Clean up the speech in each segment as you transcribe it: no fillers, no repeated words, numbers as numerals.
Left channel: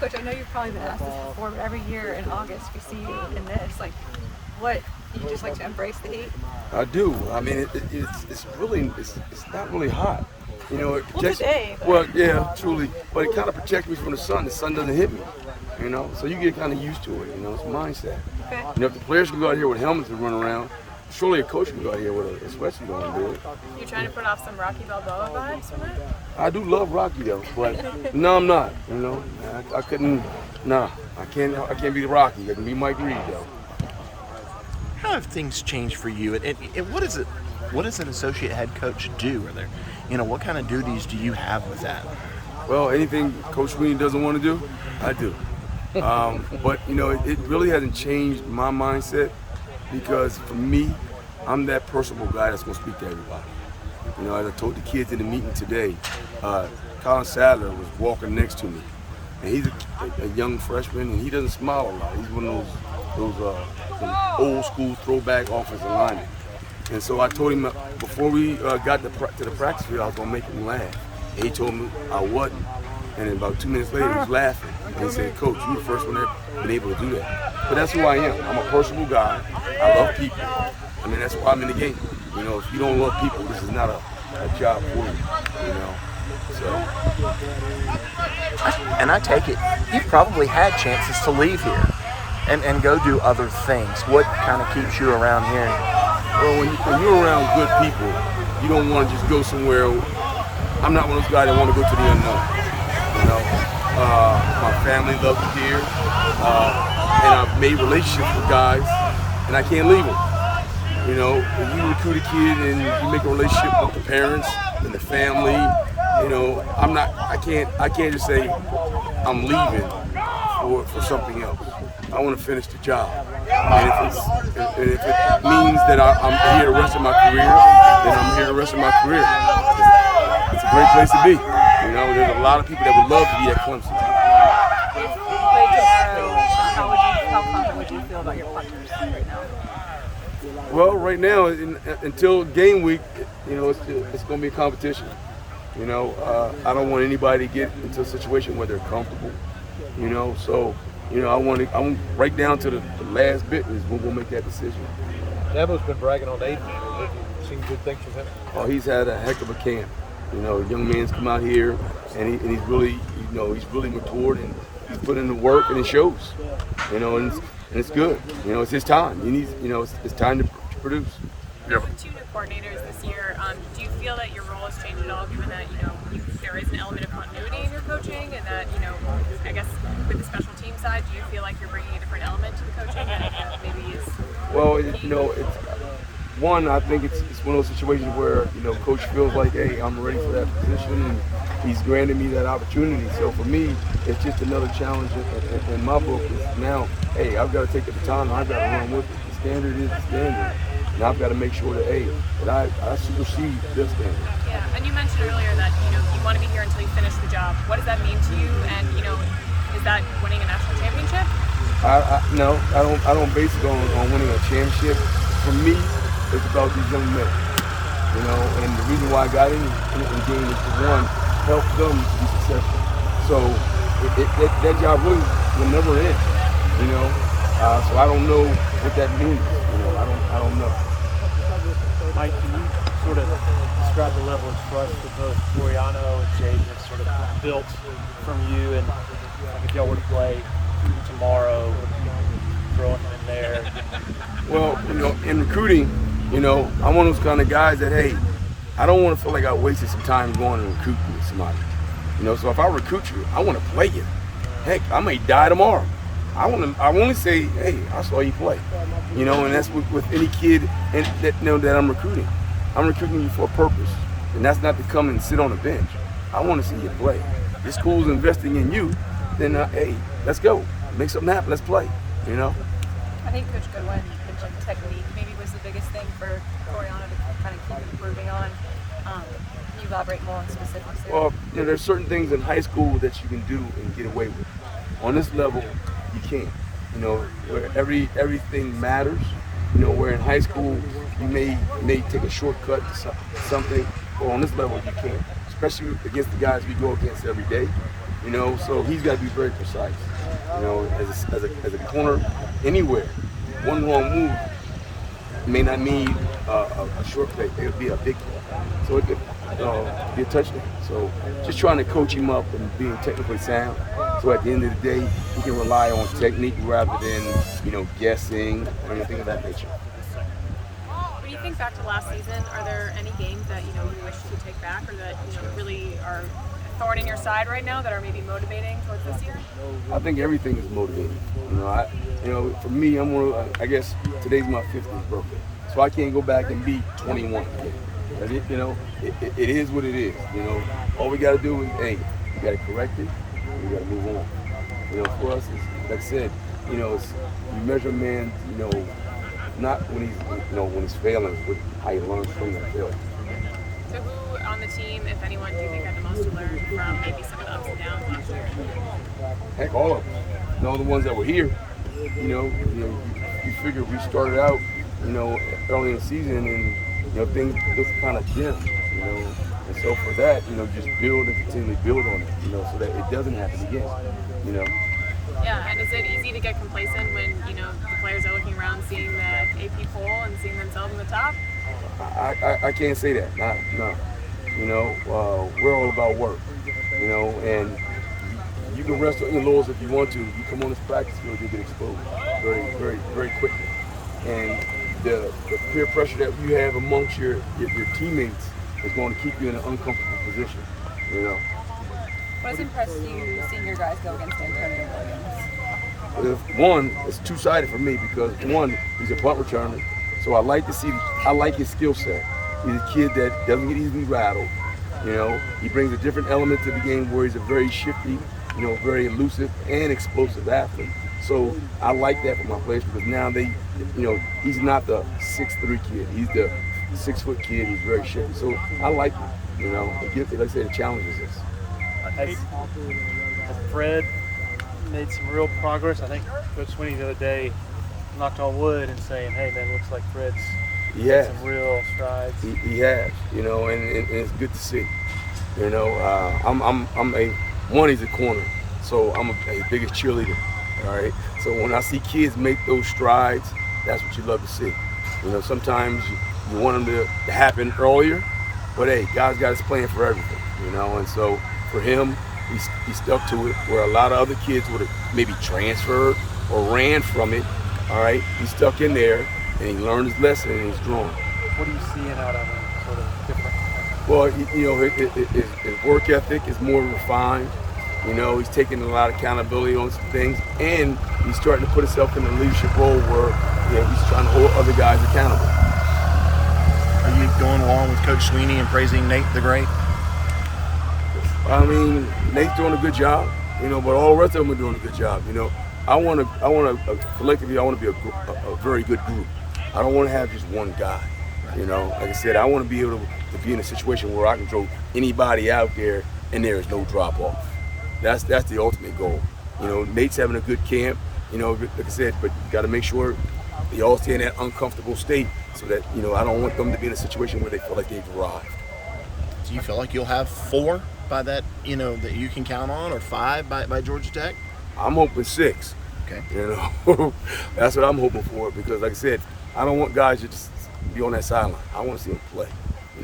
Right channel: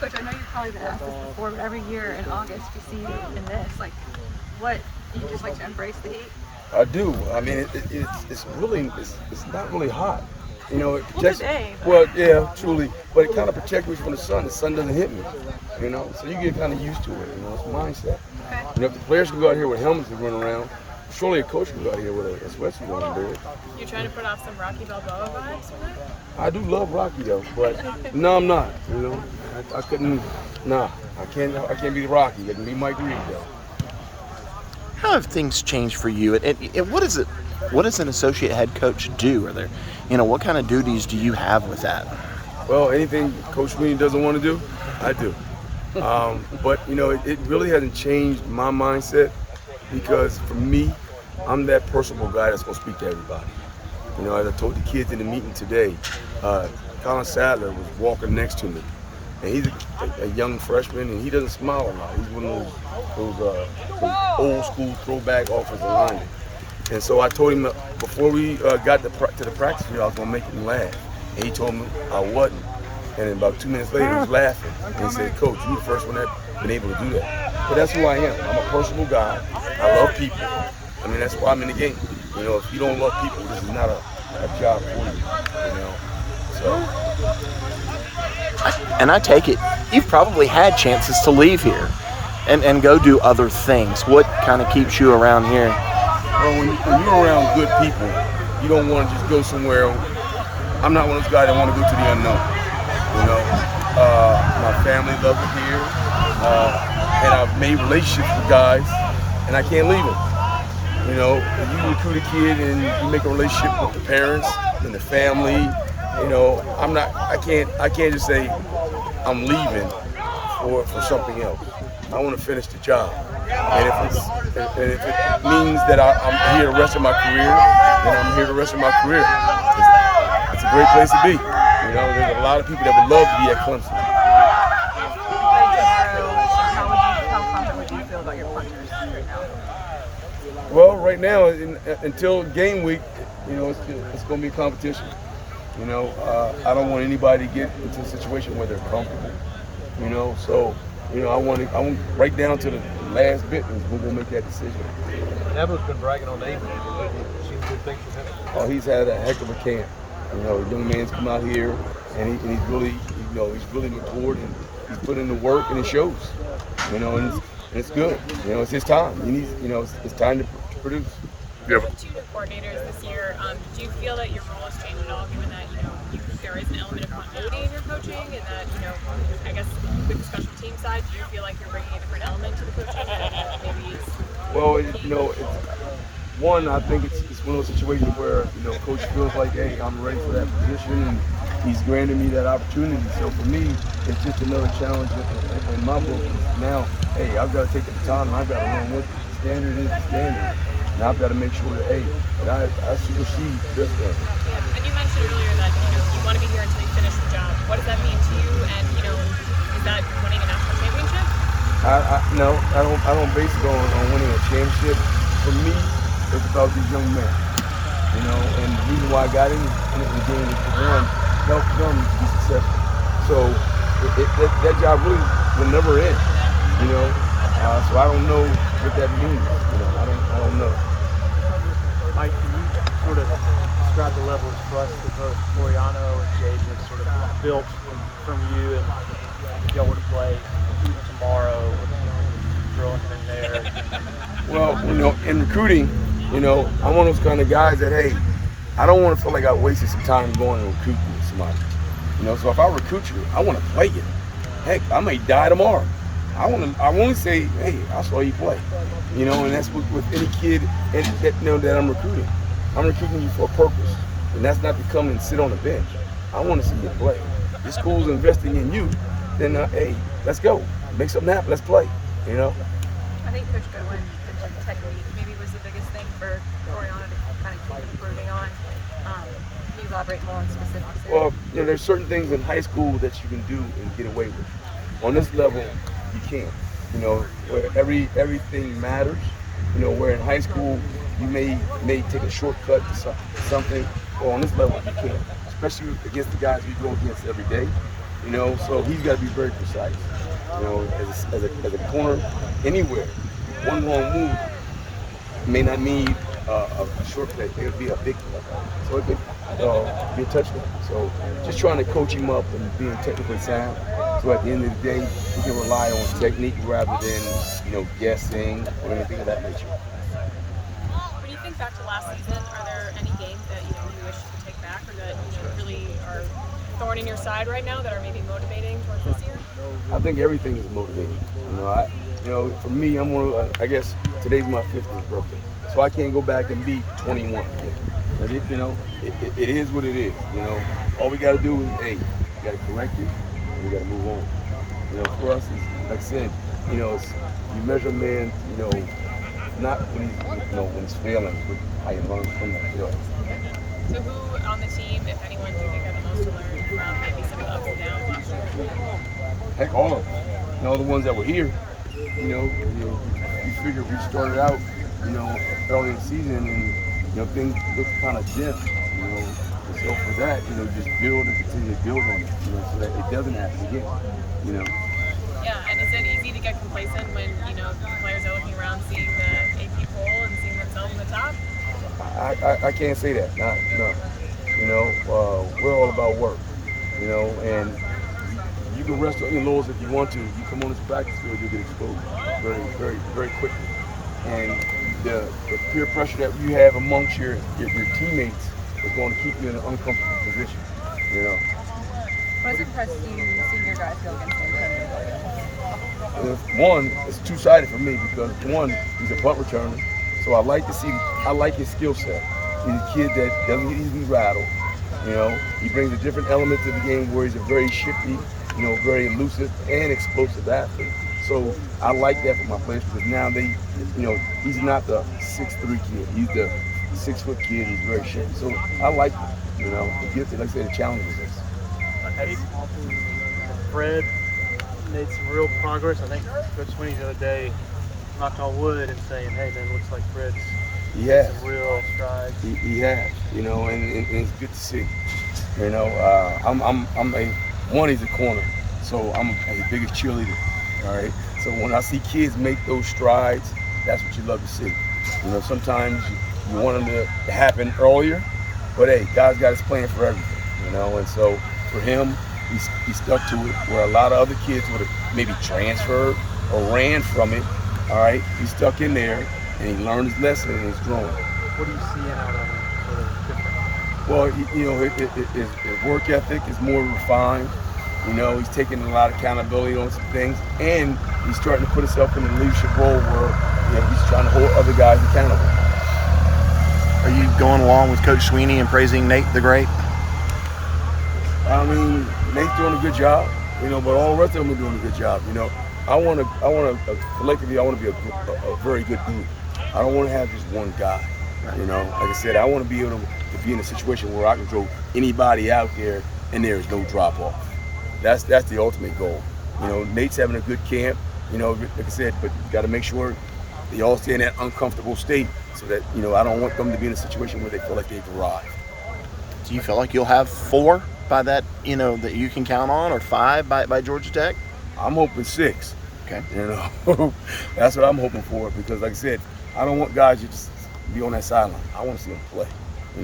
Coach, I know you've probably been asked this before, but every year in August we see you in this. Like, what you just like to embrace the heat? I do. I mean, it's really it's not really hot. You know, it protects. Today, but- Well, yeah, truly, but it kind of protects me from the sun. The sun doesn't hit me. You know, so you get kind of used to it. You know, it's a mindset. Okay. You know, if the players can go out here with helmets and run around, surely a coach can go out here with a sweatsuit on and do it. You trying to put off some Rocky Balboa vibes from it? I do love Rocky though, but no, I'm not. You know, I couldn't. Nah, I can't be Rocky. I can be Mike Reed though. How have things changed for you? And what is it? What does an associate head coach do? Are there, what kind of duties do you have with that? Well, anything Coach Sweeney doesn't want to do, I do. But it really hasn't changed my mindset because for me, I'm that personable guy that's going to speak to everybody. You know, as I told the kids in the meeting today, Colin Sadler was walking next to me, and he's a young freshman, and he doesn't smile a lot. He's one of those old school throwback offensive linemen. And so I told him before we got to the practice field, I was going to make him laugh. And he told me I wasn't. And then about 2 minutes later, he was laughing. And he said, "Coach, you're the first one that's been able to do that." But that's who I am. I'm a personable guy. I love people. I mean, that's why I'm in the game. You know, if you don't love people, this is not a job for you. You know, so. And I take it, you've probably had chances to leave here and go do other things. What kind of keeps you around here? Well, when you're around good people, you don't want to just go somewhere. I'm not one of those guys that want to go to the unknown. You know, my family loves it here, and I've made relationships with guys, and I can't leave them. You know, if you recruit a kid and you make a relationship with the parents and the family, you know, I can't just say I'm leaving for something else. I want to finish the job, and if it means that I'm here the rest of my career, then I'm here the rest of my career. It's a great place to be. You know, there's a lot of people that would love to be at Clemson. How confident would you feel about your punters right now? Well, right now, until game week, you know, it's going to be a competition. You know, I don't want anybody to get into a situation where they're comfortable. You know, so I want right down to the last bit is when we'll make that decision. Debo's been bragging on Aiden. Seen good things from him. Oh, he's had a heck of a camp. You know, young man's come out here, and he's really, he's really matured, and he's put in the work, and it shows. You know, and it's good. You know, it's his time. He needs, it's time to produce. With the two new coordinators this year, do you feel that your role has changed at all, given that there is an element of continuity in your coaching, and that I guess with the special team side, do you feel like you're bringing a different element to the coaching that maybe is? Well, I think it's one of those situations where coach feels like, hey, I'm ready for that position, and he's granted me that opportunity. So for me, it's just another challenge in my book. Is now, hey, I've got to take the baton and I've got to run with it. The standard is the standard, and I've got to make sure that I supersede this standard. Yeah, and you mentioned earlier that you want to be here until you finish the job. What does that mean to you? And is that winning a national championship? No, I don't base it on winning a championship. For me, it's about these young men, and the reason why I got in the game is to, one, help them to be successful. So that job really will never end, so I don't know what that means, I don't know. Mike, can you sort of describe the level of trust that both Soriano and Jaden have sort of built from you, and like if y'all were to play tomorrow, throwing them in there? Well, in recruiting, I'm one of those kind of guys that, hey, I don't want to feel like I wasted some time going and recruiting with somebody. So if I recruit you, I want to play you. Heck, I may die tomorrow. I want to say, hey, I saw you play. And that's with any kid that I'm recruiting. I'm recruiting you for a purpose, and that's not to come and sit on a bench. I want to see you play. Your school's investing in you, then hey, let's go. Make something happen. Let's play. I think Coach Goodwin mentioned technique. Maybe was the biggest thing for Oriana to kind of keep improving on. Can you elaborate more on specifics? Well, there's certain things in high school that you can do and get away with. On this level, you can't. Where everything matters. Where in high school you may take a shortcut to something. Well, on this level you can't. especially against the guys we go against every day. You know, so he's got to be very precise. You know, as a corner, anywhere, one wrong move may not mean a short play. It could be a big play. So it could be a touchdown. So just trying to coach him up and being technically sound. So at the end of the day, he can rely on technique rather than, you know, guessing or anything of that nature. When you think back to last season, are there any games that you wish you could take back, or that really are thorn in your side right now that are maybe motivating towards this year? I think everything is motivating. For me, I'm one of, I guess today's my 50th birthday, so I can't go back and be 21 again. But it is what it is. You know, all we got to do is, hey, we got to correct it, and we got to move on. You know, for us, it's, like I said, it's you measure a man, not when he's failing, but how he learns from that failure. So who on the team, if anyone, do you think had the most to learn from maybe some of the ups and downs last year? Heck, all of them. All the ones that were here. You figure we started out, early in the season, and things looked kind of dim. And so for that, just build and continue to build on it, so that it doesn't happen again. Yeah, and is it easy to get complacent when the players are looking around, seeing the AP poll and seeing themselves in the top? I can't say that. No. We're all about work. And you can rest on your laurels if you want to. You come on this practice field, you'll get exposed very, very, very quickly. And the peer pressure that you have amongst your teammates is going to keep you in an uncomfortable position. What has impressed you seeing your guys go against Antonio Williams? One, it's two-sided for me because one, he's a punt returner, so I like his skill set. He's a kid that doesn't get easily rattled. He brings a different element to the game where he's a very shifty, very elusive and explosive athlete. So I like that for my players because now he's not the 6'3" kid. He's the 6-foot kid who's very shifty. So I like it. Like I said, it challenges us. Has Fred made some real progress? I think Coach Sweeney the other day knocked on wood and saying, "Hey man, looks like Fred's real strides." He has, and it's good to see. He's a corner, so I'm his biggest cheerleader. All right. So when I see kids make those strides, that's what you love to see. Sometimes you want them to happen earlier, but hey, God's got his plan for everything. And so for him, he stuck to it. Where a lot of other kids would have maybe transferred or ran from it. All right. He stuck in there and he learned his lesson and he's growing. What are you seeing out of him? Sort of different? Well, his work ethic is more refined. He's taking a lot of accountability on some things, and he's starting to put himself in a leadership role where he's trying to hold other guys accountable. Are you going along with Coach Sweeney and praising Nate the Great? I mean, Nate's doing a good job, but all the rest of them are doing a good job. I want to collectively, I want to be a very good group. I don't want to have just one guy. Like I said, I want to be able to be in a situation where I can throw anybody out there and there is no drop off. That's the ultimate goal. Nate's having a good camp, like I said, but you got to make sure they all stay in that uncomfortable state so that, I don't want them to be in a situation where they feel like they've arrived. Do you feel like you'll have 4 by that, that you can count on, or 5 by Georgia Tech? I'm hoping 6. Okay. That's what I'm hoping for because, like I said, I don't want guys to just be on that sideline. I want to see them play.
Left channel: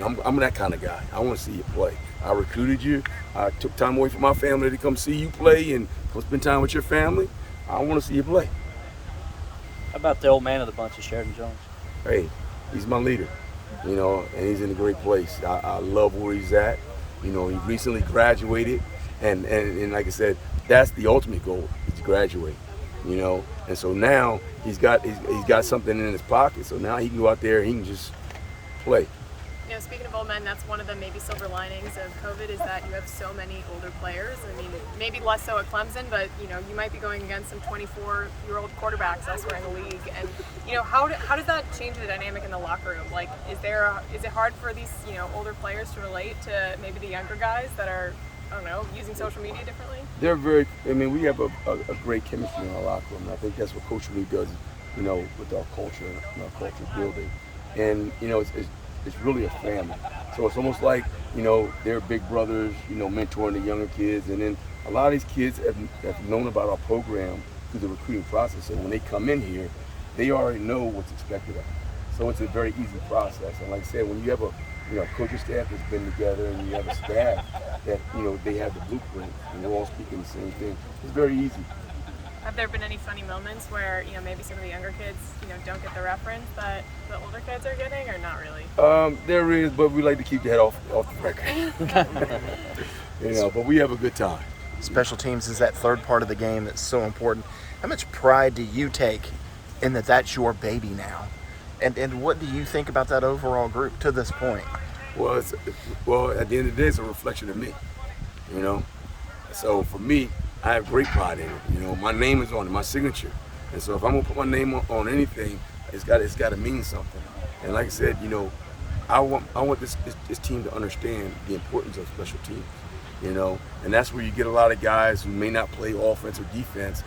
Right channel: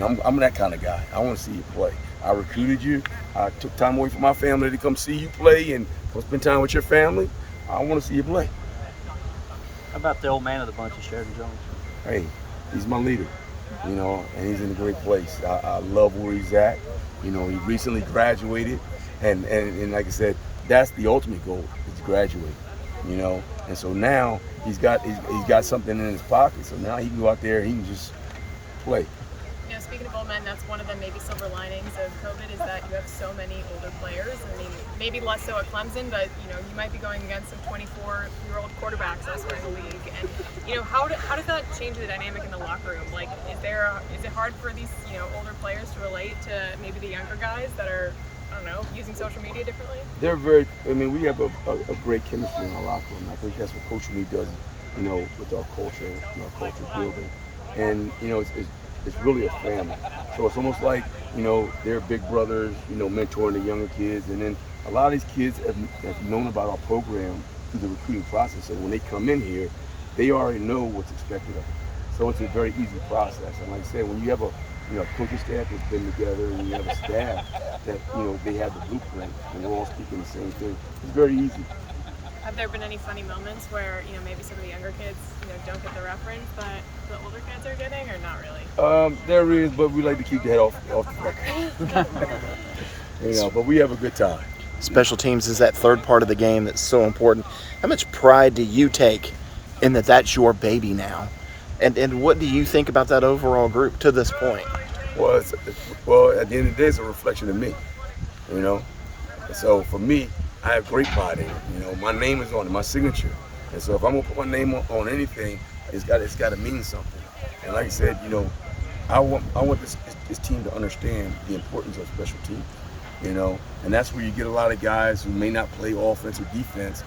I'm that kind of guy. I want to see you play. I recruited you. I took time away from my family to come see you play and come spend time with your family. I want to see you play. How about the old man of the bunch, Sheridan Jones? Hey, he's my leader, and he's in a great place. I love where he's at. He recently graduated, and like I said, that's the ultimate goal, is to graduate, And so now he's got something in his pocket, so now he can go out there and he can just play. Speaking of old men, that's one of the maybe silver linings of COVID is that you have so many older players. I mean, maybe less so at Clemson, but you might be going against some 24-year-old quarterbacks elsewhere in the league. And how does that change the dynamic in the locker room? Like, is it hard for these older players to relate to maybe the younger guys that are, I don't know, using social media differently? They're very. We have a great chemistry in our locker room. And I think that's what Coach Lee does, with our culture and our culture building. And it's really a family. So it's almost like, they're big brothers, mentoring the younger kids. And then a lot of these kids have known about our program through the recruiting process. So when they come in here, they already know what's expected of them. So it's a very easy process. And like I said, when you have a coaching staff that's been together and you have a staff that, they have the blueprint and we're all speaking the same thing, it's very easy. Have there been any funny moments where, maybe some of the younger kids, don't get the reference that the older kids are getting, or not really? There is, but we like to keep the head off the record. But we have a good time. Special teams is that third part of the game that's so important. How much pride do you take in that's your baby now? And what do you think about that overall group to this point? Well, at the end of the day, it's a reflection of me, So for me, I have great pride in it. My name is on it, my signature. And so if I'm gonna put my name on anything, it's got to mean something. And like I said, I want this team to understand the importance of special teams. And that's where you get a lot of guys who may not play offense or defense,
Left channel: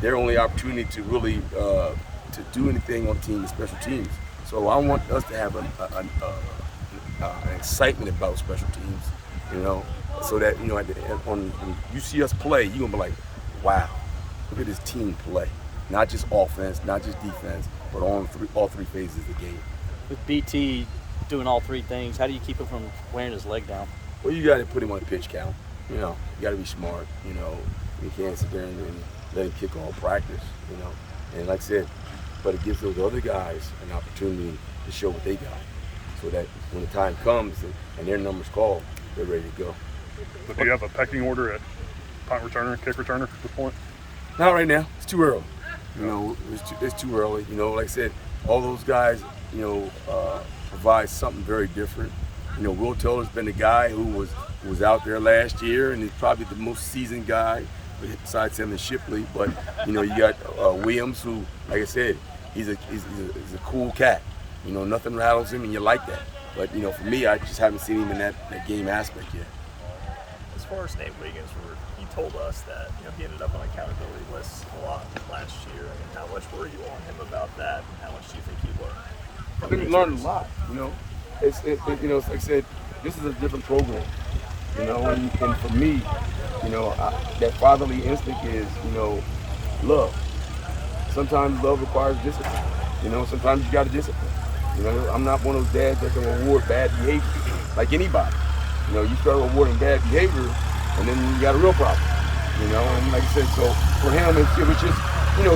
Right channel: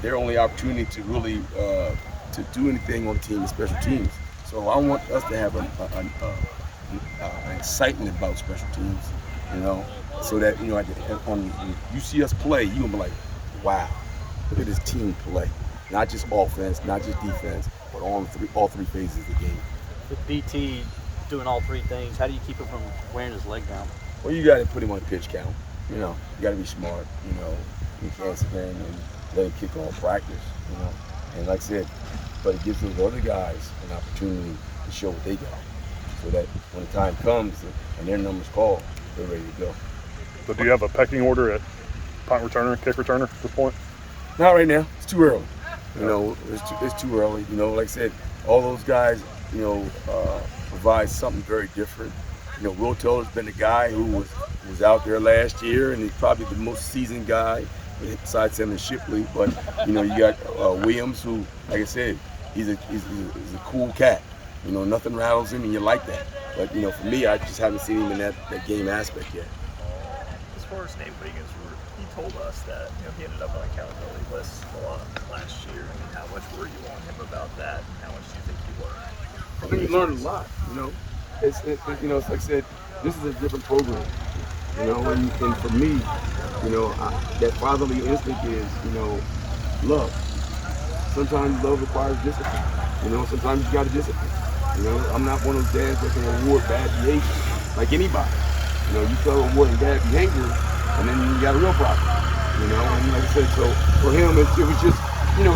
their only opportunity to really to do anything on the team is special teams. So I want us to have an excitement about special teams, so that when you see us play, you're gonna be like, wow, look at this team play. Not just offense, not just defense, but all three phases of the game. With BT doing all three things, how do you keep him from wearing his leg down? Well, you got to put him on pitch count. You got to be smart. You can't sit there and let him kick all practice. And like I said, but it gives those other guys an opportunity to show what they got, so that when the time comes and their number's called, they're ready to go. So do you have a pecking order at punt returner, kick returner at this point? Not right now. It's too early. It's too early. Like I said, all those guys, provide something very different. Will Taylor's been the guy who was out there last year, and he's probably the most seasoned guy besides him and Shipley. But you got Williams, who, like I said, he's a cool cat. Nothing rattles him, and you like that. But for me, I just haven't seen him in that game aspect yet. As far as Nate Wiggins, he told us that he ended up on accountability lists a lot last year. How much were you on him about that? And how much do you think he learned? I think he learned a lot. It's like I said, this is a different program. And for me, that fatherly instinct is, love. Sometimes love requires discipline. Sometimes you got to discipline. I'm not one of those dads that can reward bad behavior like anybody. You start rewarding bad behavior, and then you got a real problem. And like I said, so for him, it was just,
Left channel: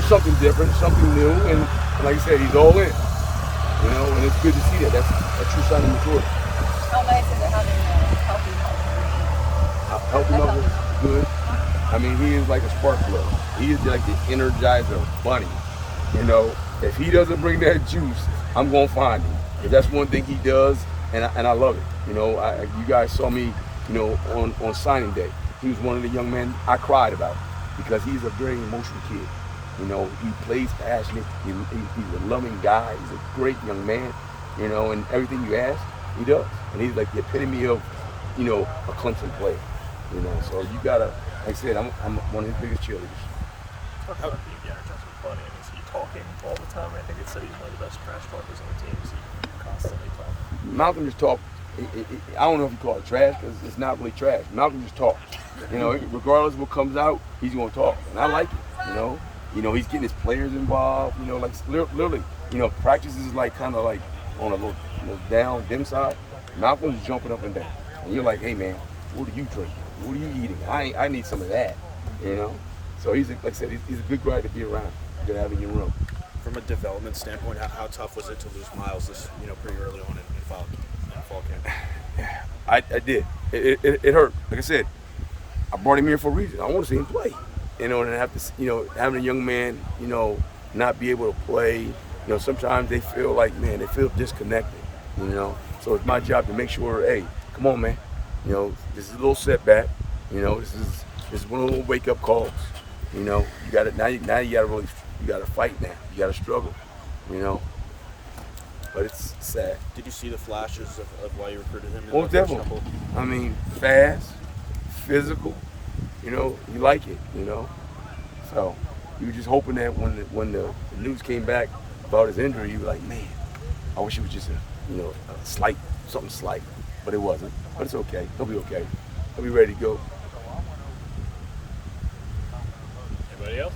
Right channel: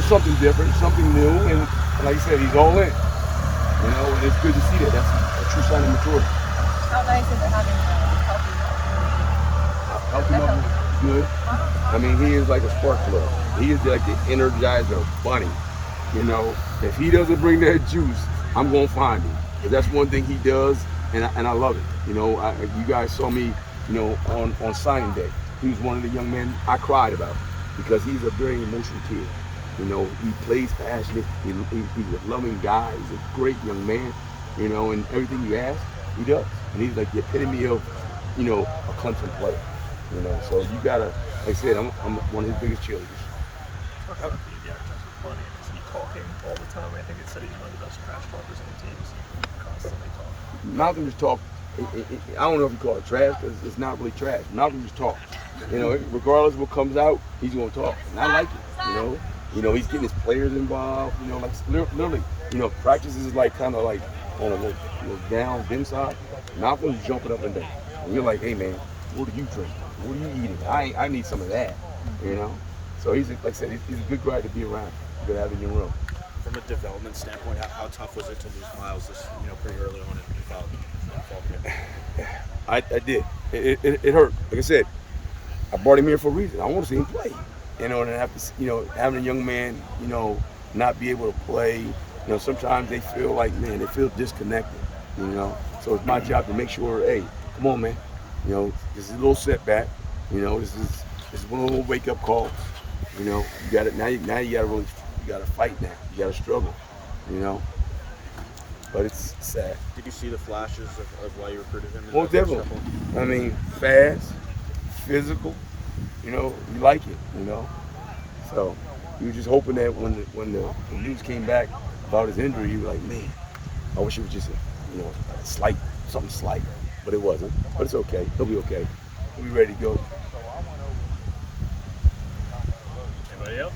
something different, something new, and like I said, he's all in. And it's good to see that. That's a true sign of maturity. How nice is it having a Healthy mother, good. I mean, he is like a spark plug. He is like the Energizer bunny. If he doesn't bring that juice, I'm gonna find him. But that's one thing he does, and I love it. You guys saw me, on signing day. He was one of the young men I cried about because he's a very emotional kid. He plays passionate. He's a loving guy. He's a great young man. And everything you ask, he does. And he's like the epitome of, a Clemson player. So you gotta, like I said, I'm one of his biggest cheerleaders. Talk about the running. Is he talking all the time? I think it said he's one of the best trash talkers on the team. Is he constantly talking? Malcolm just talk. I don't know if you call it trash because it's not really trash. Malcolm just talk. Regardless of what comes out, he's gonna talk, and I like it. He's getting his players involved. Like literally, practice is like kind of like on a little down, dim side. Malcolm's jumping up and down, and you're like, hey man, what are you drinking? What are you eating? I need some of that. So he's like I said, he's a good guy to be around. Good to have in your room. From a development standpoint, how tough was it to lose Miles pretty early on in fall camp? I did. It hurt. Like I said, I brought him here for a reason. I want to see him play. And have to, having a young man, not be able to play. Sometimes they feel like, man, they feel disconnected. So it's my job to make sure, hey, come on, man. This is a little setback. This is one of the little wake up calls. You got it now. You got to really, you got to fight now. You got to struggle. But it's sad. Did you see the flashes of why you recruited him? Most definitely. I mean, fast, physical. You like it. So you were just hoping that when the news came back about his injury, you were like, man, I wish it was just a slight something slight, but it wasn't. But it's okay. He'll be okay. He'll be ready to go. Anybody else?